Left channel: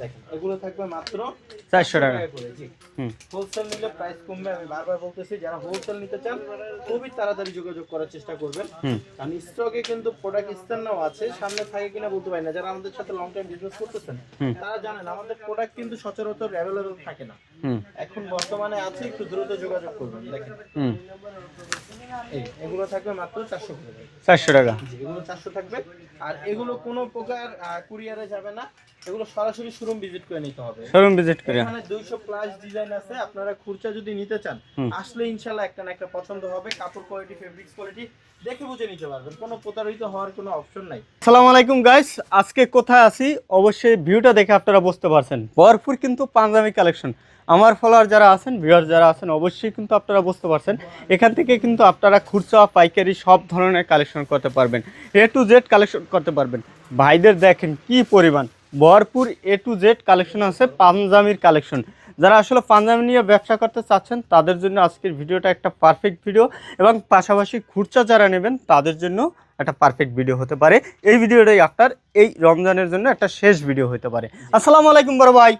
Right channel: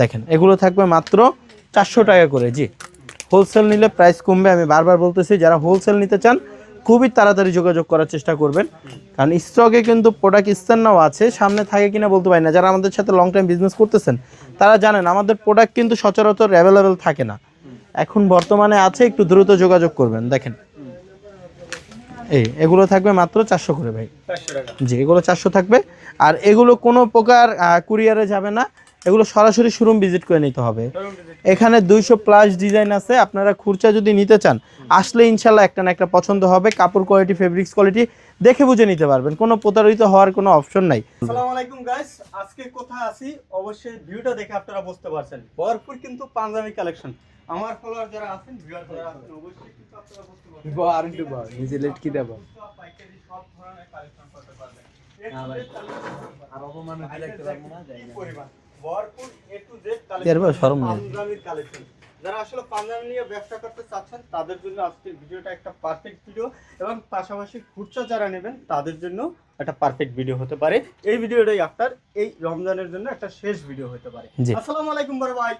দেখেন এগুলো থাকবে মাত্র 400 টাকা করে। জি, হোলসেল নিলে প্রাইস কমবে। আমি বারবার বলতেছি, যারা হোলসেল নিতে চান খুবই তাড়াতাড়ি যোগাযোগ করার চেষ্টা করবেন, কারণ স্টকে কিন্তু প্রোডাক্ট স্ট্যান্ডও আছে, সামনে থাকে কিনা বলতে পারি না। যারা আমাদের সাথে লং টাইম বিজনেস করতেছেন তারা জানেন আমাদের প্রোডাক্ট কিন্তু সচরাচর অ্যাভেলেবেল থাকে না। এখন বর্তমানে আছে, একটু দ্রুত যোগাযোগ করবেন। দেখেন এগুলো থাকবে মাত্র 400 করে ভাই। 400 টাকা। জি, এগুলো 400 থাকবে। আর এগুলো কোনো প্রকার কুরিয়ারে যাবে না, এগুলো সরাসরি শোরুম ভিজিট করে নিতে হবে। শোরুম ভিজিট, এখানে 200 প্লাস ডিজাইন আছে, আপনারা খুরচা যদি নিতে চান আসলে ইনশাল্লাহ একটা না একটা পছন্দ হবে। কাপড় কোয়ালিটি, ফেব্রিক্স কোয়ালিটি দেখে বুঝে নিতে পারবেন, কোনো প্রতারিত হওয়ার কোনো অপশন নাই। আসসালামু আলাইকুম গাইস, আজকে কোথায় আছি অবশ্যই ভিউটা দেখে আপনারা বুঝতে পারছেন। ভরপুর কিন্তু পাঞ্জাবি কালেকশন। আমার ফলোয়ার যারা আছেন, ভিউয়ার যারা আছেন, অবশ্যই কিন্তু আপনারা বুঝতে পারছেন এখান থেকে কিন্তু আপনারা খুচরা পাইকারি সব ধরনের কালেকশন করতে পারবেন, A to Z কালেকশন করতে পারবেন। ভাইদের দেখেন কি পরিমাণ ভরপুর A to Z কালেকশন আছে, পাঞ্জাবির কালেকশন। যারা আসলে পাঞ্জাবি নিয়ে ব্যবসা করতে চাচ্ছেন তাদের জন্য আজকের ভিডিওটা একটা পারফেক্ট ভিডিও, এবং পাশাপাশি খুচরা যারা নেবেন তাদের জন্য একটা পারফেক্ট ভিডিও হতে পারে। এই ভিডিওটাই আপনার এই রমজানের জন্য একটা শেষ ভিডিও হতে পারে। আসসালামু আলাইকুম বড় ভাই।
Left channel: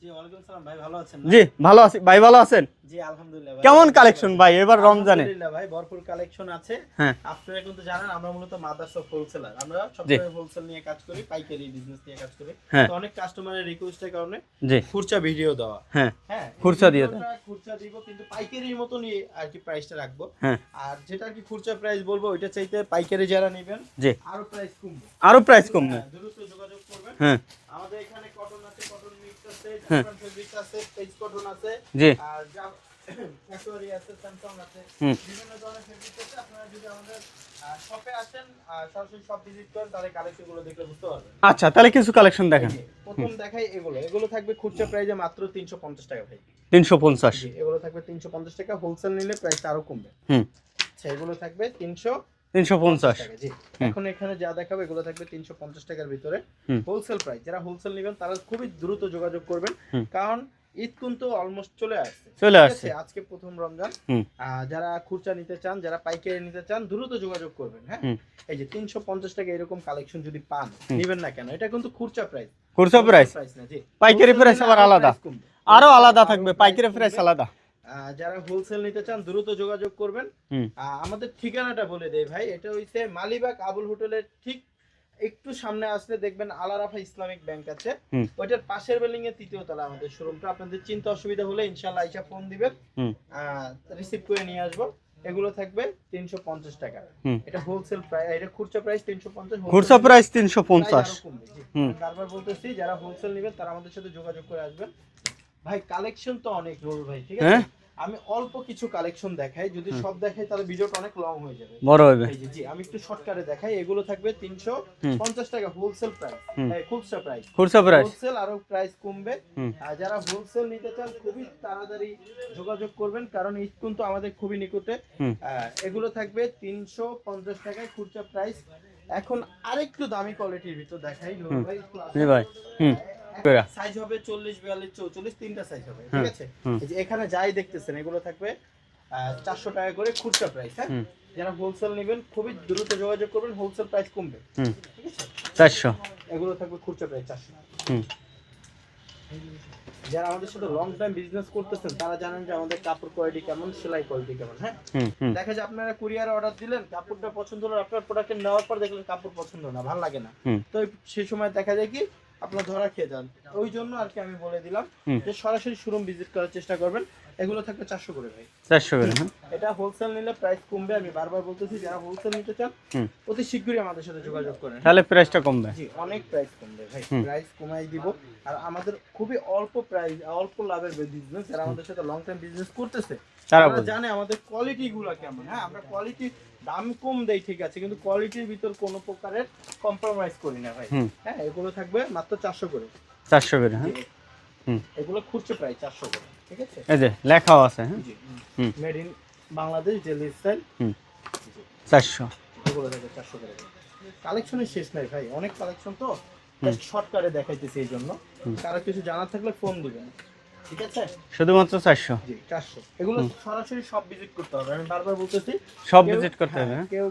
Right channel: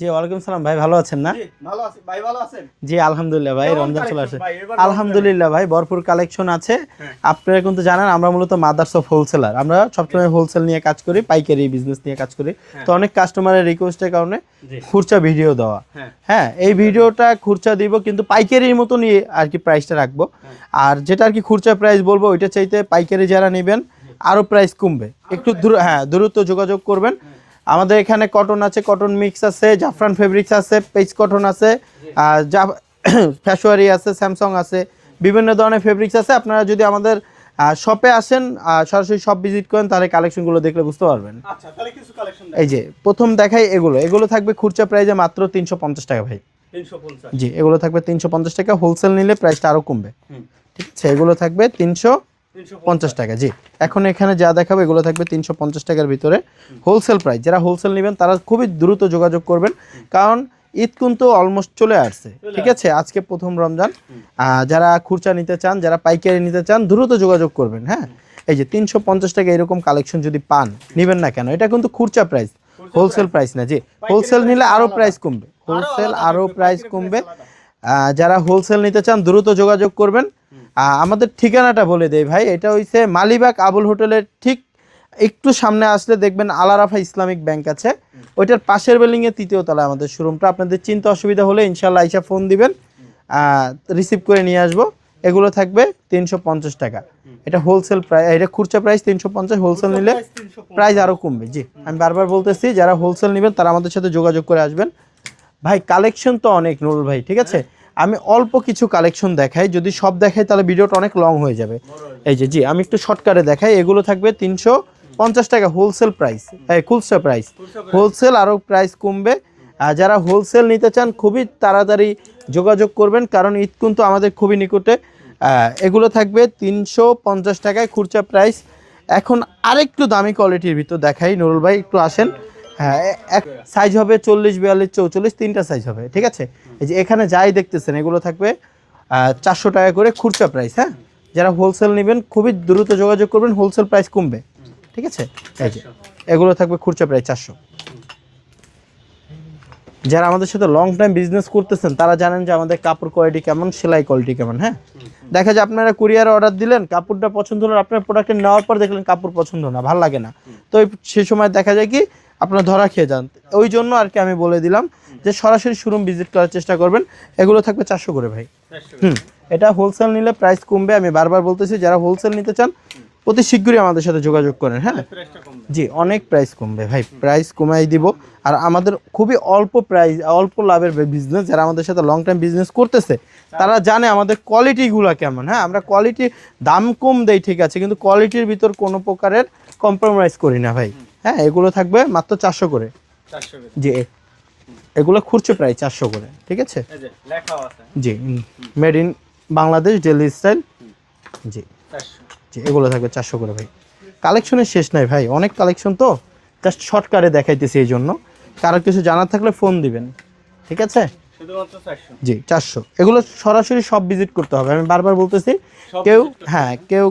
জি, ওয়ালাইকুম সালাম ভাই, ভালো আছেন না? জি ভালো আছি ভাই, ভালো আছেন? জি আলহামদুলিল্লাহ ভাই। কেমন কালেকশন ভাই এবার? আলহামদুলিল্লাহ ভাই, ভরপুর কালেকশন আছে। আপনারা কিন্তু জানেন আমরা মূলত মাদার্স অফ হোলসেলার, আমরা সবসময় হোলসেল নিয়ে কাজ করি, পাইকারি বিজনেস নিয়ে কাজ করি। তো অনেক কাস্টমারের রিকোয়েস্টের কারণে খুচরা ভিডিও দেওয়া। হ্যাঁ, এই ভিডিওটা খুচরা দিব কিন্তু পাইকারির মতো নিয়ে আর কি প্রাইসটা রাখবো। আর যেটা আর কি খুচরা প্রাইস বলবো ওইটা চাইতে পাইকারি যারা নেবেন আরো প্রাইস কমবে, আরো হ্যাঁ দ্রুত যোগাযোগ করবেন। আমাদের এখানে কটন আছে, কটন মিক্স আছে, জাফরান ফেব্রিক্স আছে, পেজ কটন আছে, ফ্যাশওয়ারি আছে, স্যামসাং আছে, বিভিন্ন ধরনের ফেব্রিক্স আছে। আপনারা যদি আমাদের শপে আসেন, সরাসরি শপ ভিজিট করেন, তাহলে কালেকশন গুলো দেখলে বুঝতে পারবেন। আচ্ছা, তাহলে কিছু কালেকশন দেখাই। এই যে প্রথম দেখাই, এগুলো থাকবে খুচরা প্রাইসে মাত্র 350 টাকা ভাই। 350? জি, এগুলো থাকবে 350 টাকা। হোলসেল নিলে প্রাইসটা আরো কমবে। ঠিক আছে, এগুলো থাকবে 350 টাকা। জি, এখন এখানে যা দেখাবো এগুলো থাকবে 350 টাকার ভিতরে হোলসেল প্রাইস। যারা হোলসেল নেবেন তারা খুবই দ্রুত যোগাযোগ করবেন, কারণ ঈদ কিন্তু অলমোস্ট চলে আসছে। ঠিক আছে, আজকে প্রথম রমজান। যারা খুচরা নিতে চান, যারা পাইকারি নিতে চান, দ্রুত যোগাযোগ করবেন। হ্যাঁ, এই যে 350 টাকা এরকম কালেকশন যদি পান, নিবেন না কেন? এটা কিন্তু খুচরা প্রাইস, হোলসেল প্রাইস না। জি, হোলসেল নিলে আরো প্রাইস কমবে, আরো আলাদা আরো প্রাইস কমবে। যারা হোলসেল নিতে চান দ্রুত যোগাযোগ করবেন। আমাদের ঠিকানাটা বলে দেই ভাই, এটা হইছে মালিবাগ আবুল হোটেলের ঠিক একটু সামনে আসলে দেখবেন আলারাফা ইসলামিক ব্যাংক আছে, ওইটার পাশের বিল্ডিং এর 3য় তলায় আমাদের শোরুমটা। আপনাদের চিন্তা অসুবিধা হলে ইনশাআল্লাহ আইসা ফোন দিবেন, রিসিভ করে নিয়ে আসবো। এগুলো থাকবে 350 টাকা। এটা হোলসেল প্রাইস, এটা খুচরা প্রাইস 350, হোলসেল প্রাইস 350, প্রাইস আরো কমবে। জি, আমি বারবার বলতেছি যারা হোলসেল নেবেন তারা আমাদের সাথে যোগাযোগ করে আসবেন। ভাই কালেকশন তো অনেক নুরুল ভাই, ঠিক আছে, আমি অল্প কিছু কালেকশন দেখাই, যদি সব দেখাই তাহলে ভিডিওটা অনেক লং হয়ে যাবে। এই যে জি, আমি একটু শর্টকাটে দেখাই। এগুলো থাকবে 350 টাকা হোলসেল প্রাইস, খুচরা প্রাইস। হোলসেল আরো প্রাইস কমবে। আর যারা হোলসেল নিতে চান খুবই তাড়াতাড়ি যোগাযোগ করবেন, কারণ ঈদ কিন্তু আমাদের খুবই নিকটে। এগুলো থাকবে 350 টাকায় খুচরা প্রাইস। এখন আরেকটু দামি কোয়ালিটির ভিতর দেখাই নুরুল ভাই, একটু আসেন। হ্যাঁ, সাইজ হবে 40, 42, 44, তিনটা সাইজ হবে। ঠিক আছে, এই যে এখানে যাই দেখতেছেন এগুলো থাকবে 400 টাকা করে খুচরা প্রাইস। হ্যাঁ, যারা হোলসেল নেবেন খুবই দ্রুত যোগাযোগ করবেন, হোলসেল প্রাইস কমবে। ঠিক আছে, 400 এগুলো থাকবে খুচরা প্রাইস 400। যারা আমাদের সাথে লং টাইম বিজনেস করতেছেন তারা জানেন যে আমাদের কাপড় কোয়ালিটি কেমন, সেলাই কোয়ালিটি কেমন। হ্যাঁ, দেখা যায় আপনারা কুরিয়ারে অর্ডার দিলেন, কাপড়টা পছন্দ হলো, আপনার প্রোডাক্ট নেওয়ার পর দেখলেন কাপড় পছন্দ না, ভালো লাগে না, তো সেই সময় দেখা যায় কি আপনারা ধরা খেয়ে যান। ওই জন্য আর কি আমি বলে দিলাম যে সরাসরি শোরুম ভিজিট করার চেষ্টা করবেন। এগুলো থাকবে 400 করে ভাই, 400 করে। এটা হোলসেল নিলে প্রাইস কমবে। আমি বারবার বলতেছি যারা হোলসেল নিতে চান অতি শীঘ্রই আমাদের সাথে যোগাযোগ করেন, তাহলে প্রাইসটা কমবে। জি, অনেক প্রাইস কমবে ভাই, প্রাইস কমাই দিব। আর আমাদের খুবই অল্প প্রাইস, অল্প লাভের বিজনেস। যারা আমাদের সাথে লং টাইম বিজনেস করতেছে তারা জানে আমাদের কোয়ালিটি গুলা কেমন। হ্যাঁ, আমরা কোয়ালিটি দাম কম দেই ঠিক আছে, কিন্তু কোয়ালিটির ভিতর কোনো প্রকারের কম্প্রোমাইজ করি না ভাই। হ্যাঁ, এগুলো থাকবে মাত্র 400 করে, 400 করে। জি, এগুলো খুচরা প্রাইস 400 করে। ঠিক আছে, এই যে লেখাও আছে। জি, made in Bangladesh daily style. জি, 400। জি, এগুলো থাকবে 400 করে ভাই। কালেকশনের শেষ নাই ভাই, অনেক কালেকশন, তো জাস্ট শর্টকাটে দেখাইতেছি। এই জন্য কারো কিছু জানার থাকলে ফোন দিবেন। ঠিক আছে, শুধুমাত্র 400। জি, 400। এগুলো সরাসরি সব ভিজিট করতে হবে, আমি বারবার বলতেছি। কেউ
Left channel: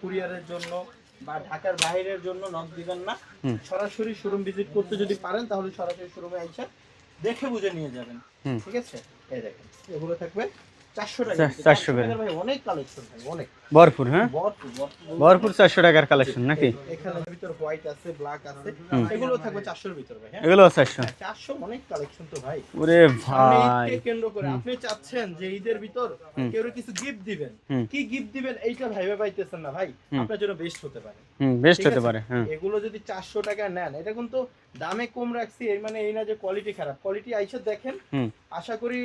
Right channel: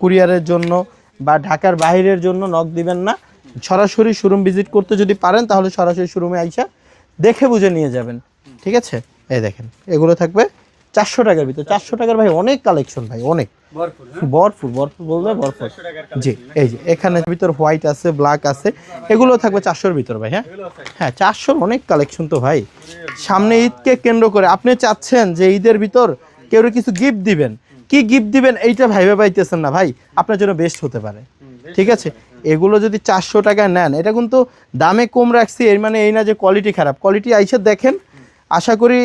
কুরিয়ারের জন্য বা ঢাকার বাইরের জন্য নক দিবেন না, সরাসরি শোরুম ভিজিট করতে যদি পারেন তাহলে সরাসরি শোরুমে আইসা দেখে বুঝে নিয়ে যাবেন। ঠিক আছে, এই দেখেন এগুলো থাকবে 400 টাকার ভিতরে। 400 টাকার ভাই অনেক কালেকশন ভাই, অনেক ভরপুর। হ্যাঁ, ভরপুর ভরপুর 400 টাকার কালেকশন নাকি? এই যে এখানে ভিতর হোয়াইট আছে, ব্ল্যাক আছে, এগুলো থাকবে 400 এর ভিতর ভাই। হ্যাঁ, এগুলো 400। হ্যাঁ 400 অনেক কালেকশন তো ভাই। ওরে সামনে ঈদকে কেন্দ্র করে আপনি চাচ্ছেন যে ঈদের ভিতর কেউ কিছু গিফট দিবেন, কি গিফট দিবেন এইটা ভাইবে পাইতেছেন না ভাই, আপনার জন্য বেস্ট হতে পারে। ঠিক আছে, এগুলো যদি 400 টাকায় নেন, এটা কিন্তু দামে কম রাখছি এর মানে এই না যে কোয়ালিটি খারাপ। কোয়ালিটি আইসা দেখেন, আশা করি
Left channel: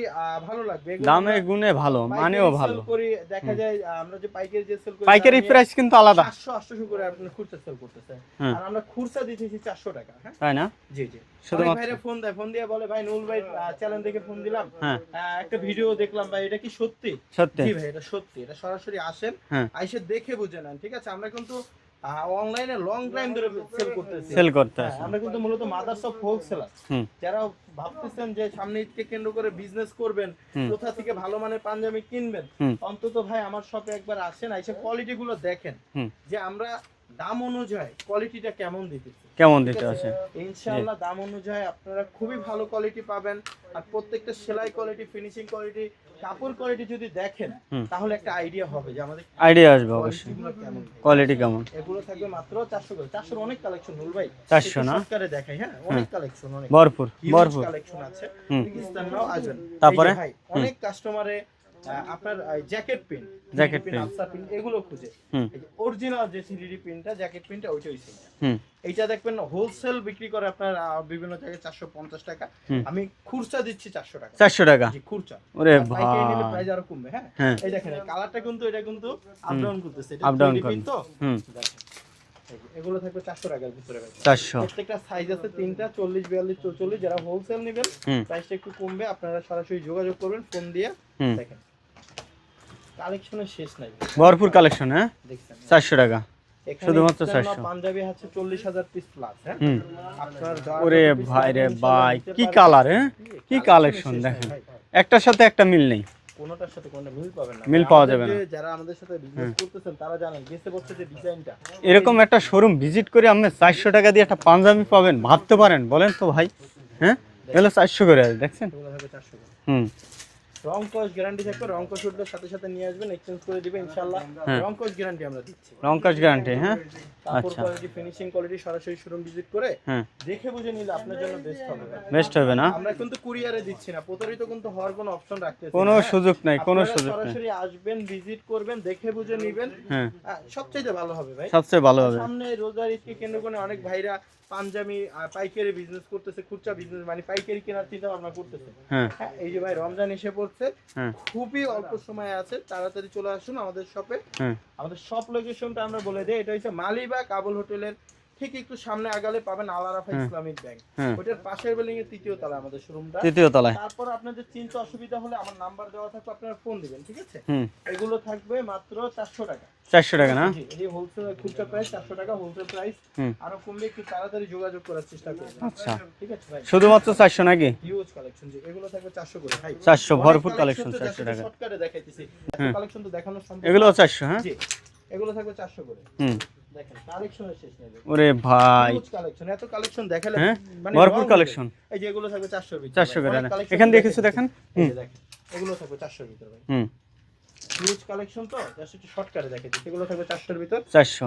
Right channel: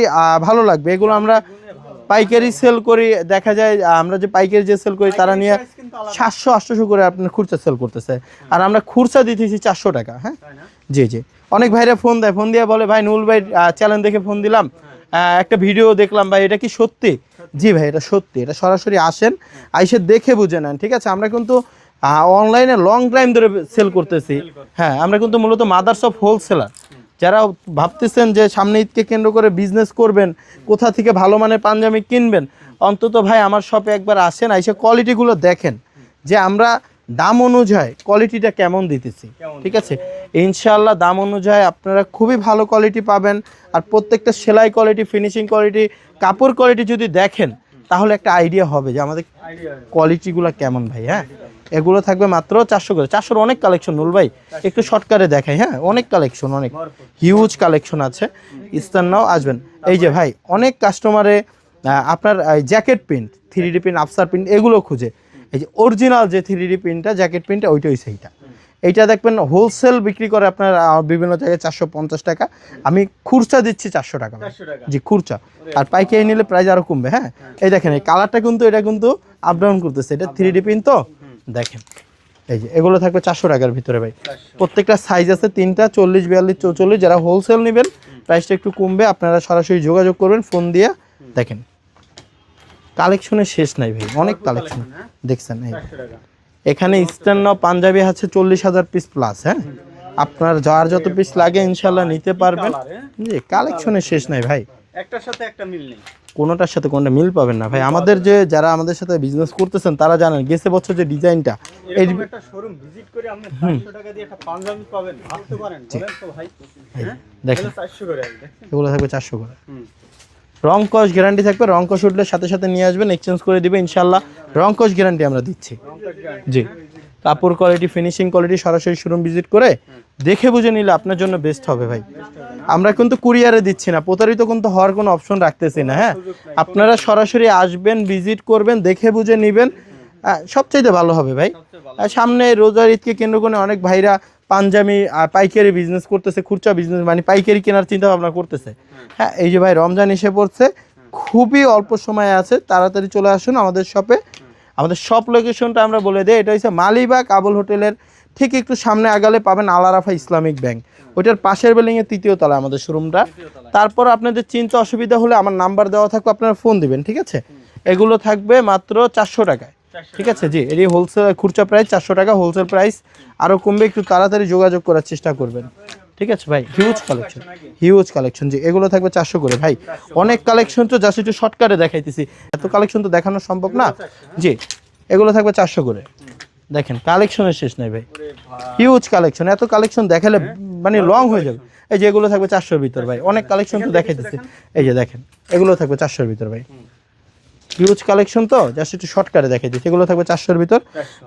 ভালো লাগবে। এগুলো আমরা পাইকারি সেল করি, দেখা যায় আমরা যে পাইকারি যে সেল করি তারা নিয়ে 700-800 করে আপনি খুচরা সেল করতেছে, আর আমরা খুচরা দিতেছি 400 টাকা। হ্যাঁ, তাই না? জি জি। অনেক ভাইরা ফোন দেয়, ফোন দিয়ে বলে ভাই নুল ভাই চ্যানেল দেখে ফোন দিলাম, একটা ভিডিও দেখলাম ভাই, এটা কি সত্যি? জি ভাই, এটা সত্যি। এটা সরাসরি আসেন, আইসে দেখে বুঝে নেন। ঠিক আছে, আমরা কিন্তু অনলাইনে লং টাইম ধরে সেল করতেছি। হ্যাঁ, আমরা কিন্তু মূলত মাদার্স অফ হোলসেলার। যারা ভাবতেছেন যে সামনে ঈদকে কেন্দ্র করে বিজনেস করবেন, কোথা থেকে ভালো মানের পাঞ্জাবি কিনবেন, অন্তত ভাই আমার শপে একবার আসেন, আইসে কোয়ালিটি গুলো দেখেন যে আমরা দাম অনুযায়ী কোয়ালিটিটা কেমন দিতেছি। ঠিক আছে, ইনশাআল্লাহ দাম অনুযায়ী আপনারা খুবই ভালো কোয়ালিটি পাবেন। আর প্রত্যেকটা সেলাই কোয়ালিটি, ফিনিশিং কোয়ালিটি, কাপড় কোয়ালিটি যদি দেখেন তাহলে একটা আইডিয়া হবে যে আমাদের আইডিয়া আসবে কোয়ালিটি গুলো কেমন ভাই। কোয়ালিটি কেমন, এগুলো থাকবে মাত্র 400 করে। 400 অনেক কালেকশন নুল ভাই, একটু শর্টকাটে দেখাই। হ্যাঁ, অনেক কালেকশন, অনেক ভরপুর হিউজ কালেকশন আছে। ইস্তার নাও আসবেন। এই যে ভাই অনেক কাস্টমারে আপনার jacket print, 3D print, Afsar print এগুলো খুঁজে। এই যে অরিজিনাল যে 3D প্রিন্টটা, জ্যাকেট প্রিন্টটা, ওইটা হইছে এইটা। এইটা দেখবেন হোলসেল বিক্রি করে আপনার বিভিন্ন জায়গায় 450 টাকা, আমি খুচরা দিচ্ছি 400 টাকা। 400 টাকা জি, খুচরা। আর পাইকারি নিলে প্রাইস আরো কমবে। হ্যাঁ, এই দেখেন এই কালারটা কিন্তু, এটা কিন্তু আপ ডাউন করতেছে, এটা 3D প্রিন্ট তো দেখেন। এই যে এগুলো থাকবে 400 টাকার ভিতরে ভাই। প্রত্যেকটা সাইজ আছে 3টা, 40, 42, 44। যারা হোলসেল নেবেন প্রাইসটা একটু কমবে, আপনারা সরাসরি যোগাযোগ করবেন ফোন দিয়ে। দেখেন কালেকশনের শেষ নাই ভাই, ভরপুর কালেকশন। হ্যাঁ, দেখছেন 400 টাকা। এখানে ইস্টার্ন নাও পাঞ্জাবি আছে 40,000 পিস প্লাস। হ্যাঁ, আপনার যার যত পিস লাগে ইনশাআল্লাহ নিতে পারবেন। জি, কালেকশনের শেষ নাই ভাই, একটার সাথে একটা মিল নেই, কোনোটার সাথে কোনটা মিল পাবেন না ভাই। আমাদের যে যারা আমাদের সাথে বিজনেস করতেছেন তারা জানেন গেছে বছর যে ডিজাইনটা, এরকম একটা শোরুম ভিজিট করে আপনি 400 টাকা দিয়ে একটা পাঞ্জাবি পাবেন, ভাবতে পারেন? বলেন তো ভাই। হ্যাঁ, দেখেন 400 করে, দেখছেন এগুলো থাকবে 400 করে। রং কস গ্যারান্টি থাকবে, রং কস উঠলে সাথে সাথে নিয়ে আসবেন, এক্সচেঞ্জ করে দিবে ইনশাআল্লাহ। রং কস গ্যারান্টি আমরা দিচ্ছি, রং কস গ্যারান্টি। হ্যাঁ, কাপড় কোয়ালিটি, ফিনিশিং কোয়ালিটি সরাসরি শোরুম ভিজিট করে দেখে বুঝে নিলে আপনার জন্য বেস্ট হবে ভাই, বেস্ট হবে না? আমরা কিন্তু কুরিয়ারে দিচ্ছি না, প্রতারিত কিন্তু হওয়ার কোনো অপশন রাখতেছি না। হ্যাঁ, আপনারা সরাসরি আসবেন, ভিজিট করবেন, দেখে বুঝে নেবেন, সবচেয়ে ভালো হবে ভাই, সবচেয়ে ভালো। সামনে রোজার ঈদকে কেন্দ্র করে অনেক ভাইরা পাঞ্জাবি পাইকারি বিজনেস করতেছে, খুচরা বিজনেস মানে পাইকারি কেনার চিন্তা ভাবনা করতেছে। হ্যাঁ, এই যে ভাই রমজান এসে পড়ছে, খুবই অল্প সময় আছে, তাড়াতাড়ি চলে আসুন আমাদের শপে। আমাদের শপ লোকেশনটা আমরা বলে দেই, এটা হচ্ছে মালিবাগ আবুল হোটেলের ঠিক একটু সামনে আগালে পাবেন আলারাফা ইসলামিক ব্যাংক, ওইটার পাশের বিল্ডিং এর 3য় তলায় আমাদের শোরুমটা। তারপর আপনাদের চিন্তা অসুবিধা হলে আমার নাম্বার দেওয়া থাকবে, আপনারা ফোন দিবেন। ঠিক আছে, এগুলো থাকবে মাত্র 400 টাকায়। 400 টাকা, ঠিক আছে জি। এর হোলসেল খুচরা প্রাইস 400 টাকা, হোলসেল প্রাইস আরো কমবে, একটু তাড়াতাড়ি যোগাযোগ করার চেষ্টা করবেন। আচ্ছা, ঠিক আছে ভাই, শুধুমাত্র 400 নাকি? হিউজ কালেকশন জি, এগুলো থাকবে 400 করে ভাই। অনেক কালেকশন তো জাস্ট একটু শর্টকাটে দেখাইতেছি, এত কালেকশন তো দেখানো সম্ভব না। জি, এগুলো থাকবে 400 করে। দেখেন কালেকশনের শেষ নাই ভাই, ওরে ভাই হিউজ কালেকশন, এত কালেকশন দেখালে মানে রং হয়ে যাবে। এই যে এগুলো থাকবে 400 এর ভিতর ভাই, অনেক কালেকশন দেখেন। এই যে দেখেন এগুলো থাকবে 400 এর ভিতর ভাই, হিউজ কালেকশন তো জাস্ট একটু শর্টকাটে দেখাই দিই। এগুলো থাকবে 400 এর ভিতর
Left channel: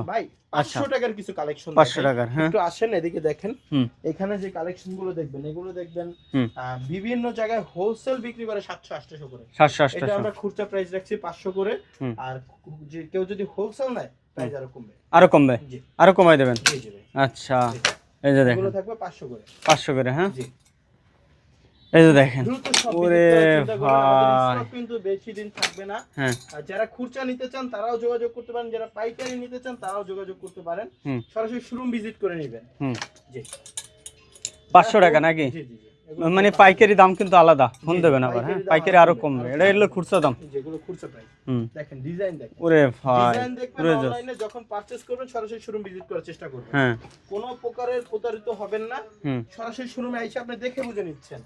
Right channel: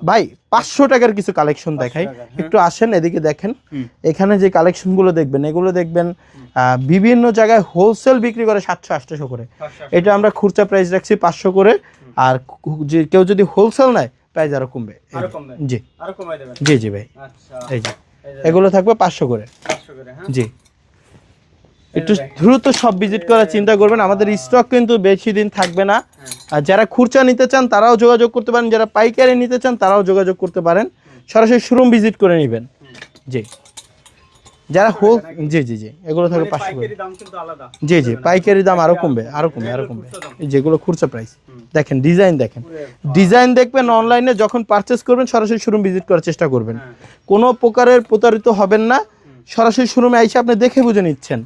ভাই। 500 টাকার কিছু কালেকশন দেখাই, একটু আসেন এদিকে দেখেন। এখানে যে কালেকশন গুলো দেখবেন, এগুলো দেখবেন বিভিন্ন জায়গায় হোলসেল বিক্রি করে 700-800 করে, এটা আমরা খুচরা প্রাইস রাখছি 500 করে। আর যে কেউ যদি হোলসেল নেয় প্রাইস আরো কমবে, আরো কমবে জি, আরো কমাই দেবেন। জি জি ভাই। আচ্ছা, এই যে এগুলো থাকবে 500 করে, 500 করে। হ্যাঁ জি, দ্রুত সব ভিজিট করার চিন্তা করবেন, আমাদের স্টক কিন্তু বেশি দিন থাকবে না। আর যারা খুচরা নিতে চান তারাও যোগাযোগ করতে পারেন, যারা পাইকারি নিতে চান তারাও যোগাযোগ করতে পারেন, সরাসরি শোরুম ভিজিট করে নেবেন। জি, 500 টাকা নাকি? জি জি জি, এগুলো মানে পাইকারি দাম কিন্তু আলাদা। জি জি, পাইকারি দাম আরো কমবে, আরো কমবে। এটা হলো খুচরা দাম, যেগুলো খুচরা প্রাইস। দেখেন ডিজাইন দেখেন, ডিজাইন দেখবেন। অনলাইনে যখন পারচেজ করবেন সরাসরি শোরুম ভিজিট করার চেষ্টা করবেন, কোনো প্রকারের প্রতারিত হবেন না। সরাসরি শোরুমে আইসা আপনি দেখে বুঝে নিচ্ছেন,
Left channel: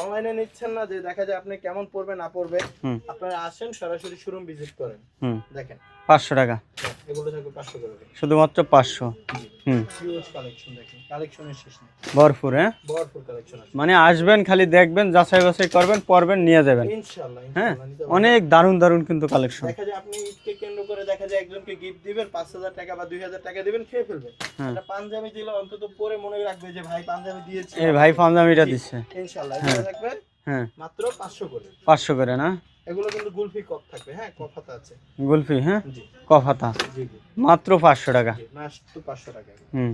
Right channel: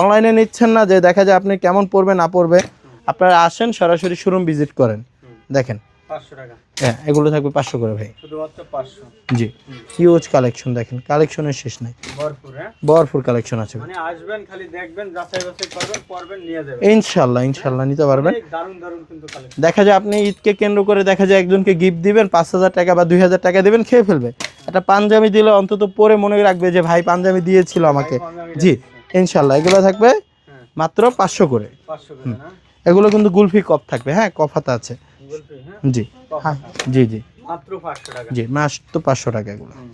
অনলাইনে নিচ্ছেন না যে দেখা যায় আপনি কেমন পড়বে না পড়বে। আপনারা আসেন সরাসরি শোরুম ভিজিট করেন, দেখেন 500 টাকা। হ্যাঁ, এগুলো থাকবে 500 করে ভাই। শুধুমাত্র 500। জি, হুম, হিউজ কালেকশন, দেখেন কালেকশনের শেষ নাই, ভরপুর। হ্যাঁ, ভরপুর কালেকশন আছে মানে আসবেন খালি দেখবেন, যাচাই বাছাই করবেন, পরবেন, নিয়ে যাবেন। ইনশাআল্লাহ, হ্যাঁ, ইনশাআল্লাহ নিতে পারবেন। অনেক দারুণ দারুণ কিন্তু কালেকশন। দেখা যায় আপনি ঈদকে কেন্দ্র করে দেখা যায় একজনকে গিফট দিবেন 5,000 টাকা বা 2,000 টাকা দিবেন, খেয়ে ফেলবে। একটা পাঞ্জাবি দিলে অন্তত পরে মনে রাখবে যে ভাই পাঞ্জাবি দিয়েছিল ভাই আমাকে। পাঞ্জাবিটা জি, দিচ্ছে। ইনশাআল্লাহ এগুলো থাকবে হ্যাঁ, মাত্র 500 করে। 500 করে না? এগুলো কিন্তু গুলফি কপ থাকবে, হ্যাঁ কপ হাতা আছে। গুলফি, হ্যাঁ, জি, কফাতা, জি জি, মাত্র 500 টাকা। জি মাত্র 500 টাকা এগুলো। হুম,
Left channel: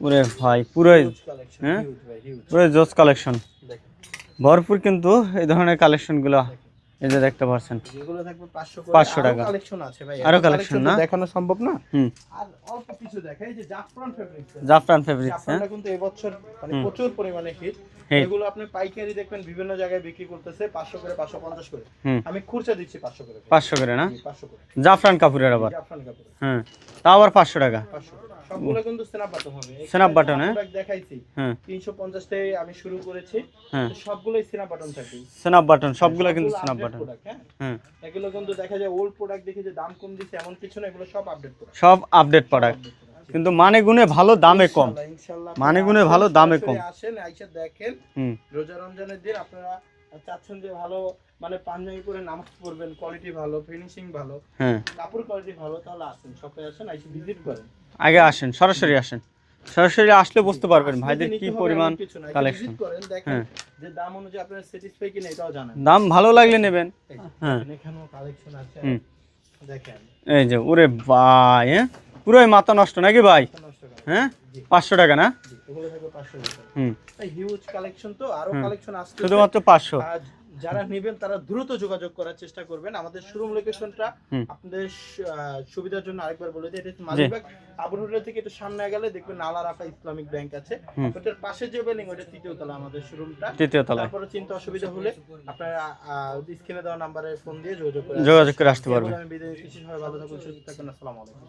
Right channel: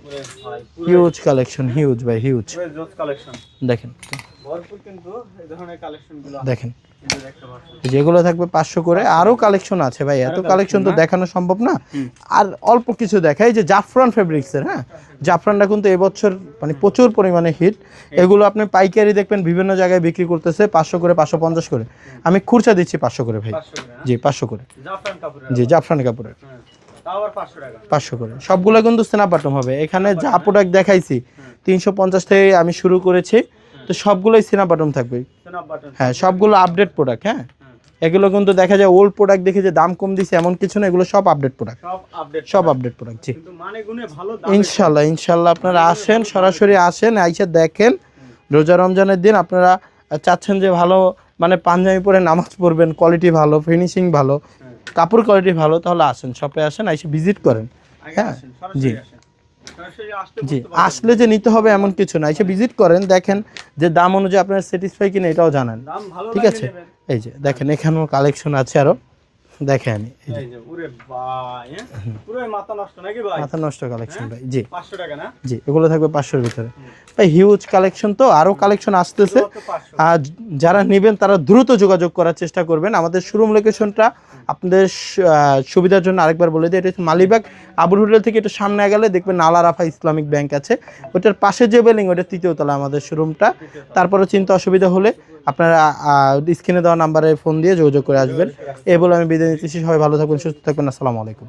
পুরো ভাই পুরো হিউজ কালেকশন, হিউজ ভাই হিউজ। পুরো জোস কালেকশন। দেখেন ভরপুর কিন্তু এই ধরনের কালেকশন গুলো, দেখেন এই যে দেখতে পাচ্ছেন। যেগুলো থাকবে 500 করে। 500 আরো টাকা। কালেকশন আছে ভাই, আরো এত কালেকশন তো না? দেখানো সম্ভব না। হুম, আর অল্প কিছু দেখাই যে জাফরান ফেব্রিক্স এর, হ্যাঁ? জাফরান ফেব্রিক। জাফরানটা কিন্তু এবছর মানে প্রচুর পরিমাণে হিট। এগুলো আপনি পাইকারি দেখবেন বিভিন্ন জায়গায় বিক্রি করতেছে 500 করে, 550 করে। হুম। আমি খুরচা দিচ্ছি 500 করে ভাই। 500 করে না? জি 500 করে। জাফরান কাপড়ের জি আবার। জাফরান কাপড়ের। হ্যাঁ, তাও আবার 500 টাকা। 500 করে। সবগুলো কিন্তু স্ন্যাপ বাটন হবে। এখানে Snap button, যা প্রোডাক্ট দেখাইছি হ্যাঁ। 350 থেকে আমি শুরু করেছি, হ্যাঁ। তো সবগুলোই স্ন্যাপ বাটন থাকবে। স্ন্যাপ বাটন হ্যাঁ, সবগুলো আপডেট প্রোডাক্ট। হ্যাঁ, হ্যাঁ, এগুলো কিন্তু দেখা যায় ওল্ড প্রোডাক্ট দেখে যে দাম কম দিছে এমন কিছু না, এগুলো সব আপডেট প্রোডাক্ট, সব আপডেট সব আপডেট প্রোডাক্ট। জি, কিন্তু মানে গুণে ভালো, দামে কম। ইনশাআল্লাহ, ইনশাআল্লাহ আপনারা মানে গুণে আসেন, ভালো, দামে সরাসরি কম। আসেন, আইসা দেখেন। হুম, রোজা রমজানের দিন আপনারা চাচ্ছেন যে ভালো মানে পাঞ্জাবি পরে নামাজ পড়বেন, কোয়ালিটি ভালো, ফিনিশিং ভালো, হ্যাঁ, কাপড় কোয়ালিটি ভালো, তাহলে আসেন, শপে আসেন, আইসা ভিজিট করেন। আগে আসেন, সরাসরি আসেন। সরাসরি আসলে জি, বুঝতে পারবেন আসলে ভাই যে কি নিতে হবে এমন পরিমাণ কিছু না, এসে collection। ভিজিট করেন, দেখেন যে দাম অনুযায়ী আপনারা স্যাটিসফাই কিনা এটাও জানেন। দাম ভালো ঠিক লাগলে আছে? নেবেন। এই যে দেখেন এখানেও কালেকশন আছে আরো, দেখেন এই যে ওরে ভাই, হ্যাঁ, পুরোই মাথা নষ্ট নাকি ভাই? মাথা নষ্ট কালেকশন হ্যাঁ? ভাই। জি 500 টাকা না? জি, এগুলো থাকবে 500 এর ভিতরে। হুম, ভাই হিউজ কালেকশন, তো আরো কালেকশন আসতেছে। শুধুমাত্র 500। আর যারা নেবেন তারা দ্রুত যোগাযোগ করার চেষ্টা করবেন। আমাদের শোরুম লোকেশনটা আপনাদের সুবিধার জন্য আরেকবার বলে দিই, এটা হচ্ছে মালিবাগ আবুল হোটেল থেকে একটু সামনে গেলে দেখবেন আল আরাফা ইসলামিক ব্যাংক আছে, ওটার পাশে যে বিল্ডিং ওটা 3য় তলা আমাদের শোরুমটা। তৃতীয় তলা। তারপরে চিন্তা অসুবিধা হলে আপনারা স্ক্রিনে দেওয়া নাম্বারে ফোন দিয়ে যোগাযোগ করে আসবেন। যোগাযোগ করে আসতে এই বলে আমি বিদায় নিচ্ছি। সবাই ভালো থাকবেন, সুস্থ থাকবেন। আসসালামু আলাইকুম।